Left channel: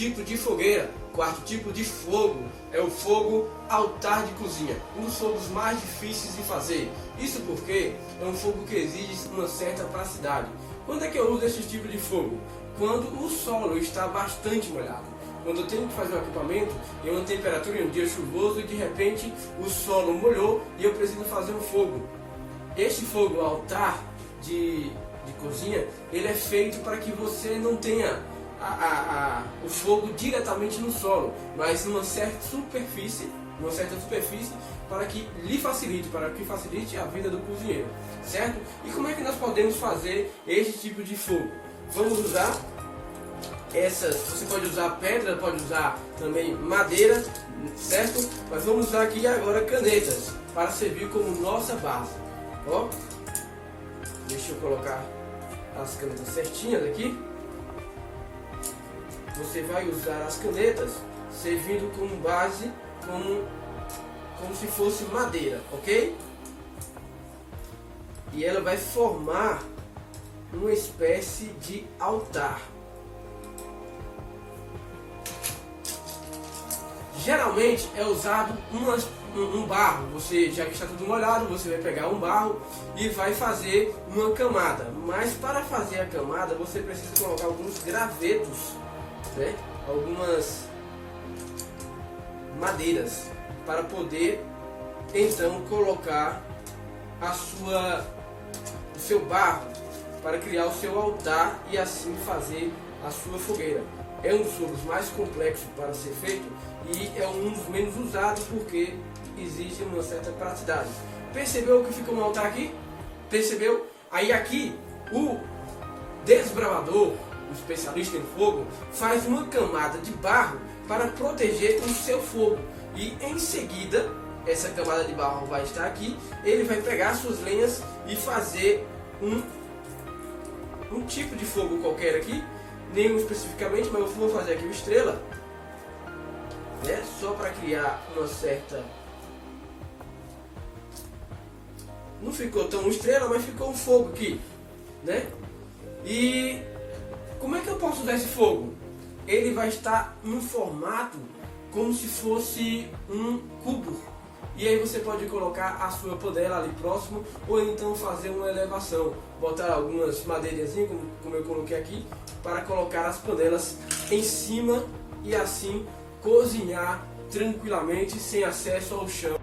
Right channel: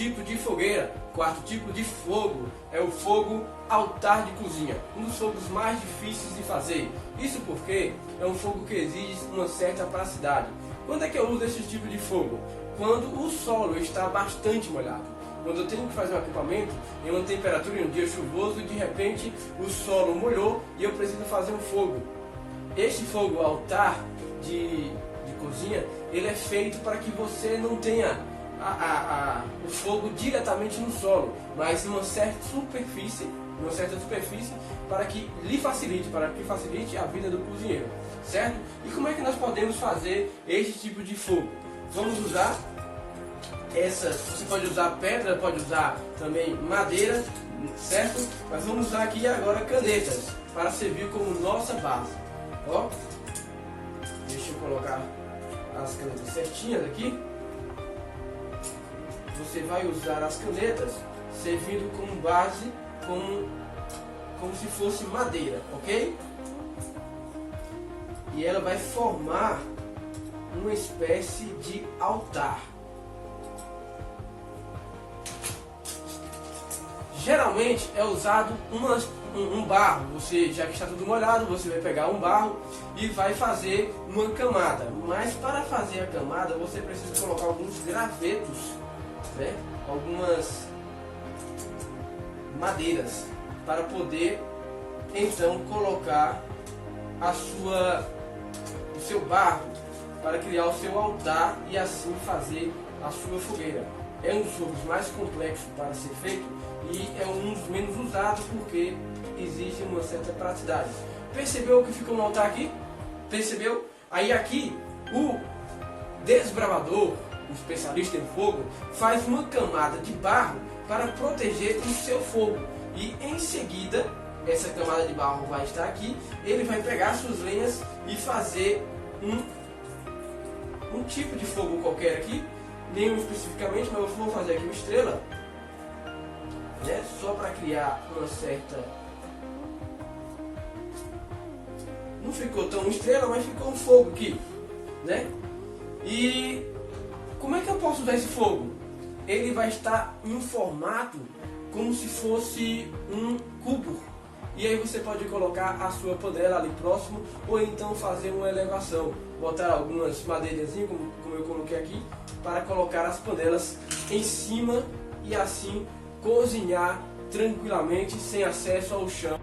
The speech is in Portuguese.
tipo de fogueira, quarto tipo de fogo é o fogo altar de cozinha, um dos fogos mais difíceis de fazer. Isso porque é um fogo que exige uma certa praticidade. Quando é que eu uso esse tipo de fogo? Quando o solo está bastante molhado. Quando eu tenho que fazer um equipamento em uma temperatura em um dia chuvoso e de repente o solo molhou e eu preciso fazer um fogo. Este fogo altar de cozinha, ele é feito para que você não tenha o fogo diretamente no solo, mas em uma certa superfície para que lhe facilite, para que facilite a vida do cozinheiro, certo? E como é que nós podemos fazer este tipo de fogo? Vamos usar essas, você pode usar pedra, pode usar também madeira, certo? Mas vamos usar aqui agora canetas para servir como nossa base. Ó, deixa eu colocar as canetas certinhas aqui. Você vai usar as canetas servindo como base, como se fosse madeira, ok? E ela vai formar uma espécie de altar. Geralmente é usado um barro. Você, já que está tudo molhado, você vai pegar um barro e vai fazer uma camada. Mas para fazer a camada você precisa colocar alguns gravetos, né? Algumas madeiras para poder então colocar o seu barro para criar o seu altar e assim fazer a sua fogueira. É um dos fogos mais complexos para ser feito e é um dos menos usados porque exige uma certa praticidade. Percebeu que fica um altar aqui? Percebeu? Aí aqui o desbravador, o especialista em fogo, faz uma camada de barro para proteger o seu fogo. E em seguida, essa camada de barro vai estar aqui, ele vai pegar suas lenhas e fazer um tipo de fogo qualquer aqui, nenhum especificamente, mas eu vou fazer aqui uma estrela, né? Só para criar uma certa... Não ficou tão estrela, mas ficou um fogo aqui, né? E como é que eu posso usar esse fogo? Ele vai estar num formato como se fosse um cubo. E aí você pode colocar a sua panela ali próximo, ou então fazer uma elevação, botar algumas madeirinhas como eu coloquei aqui, para colocar as panelas em cima e assim cozinhar tranquilamente sem acesso ao chão.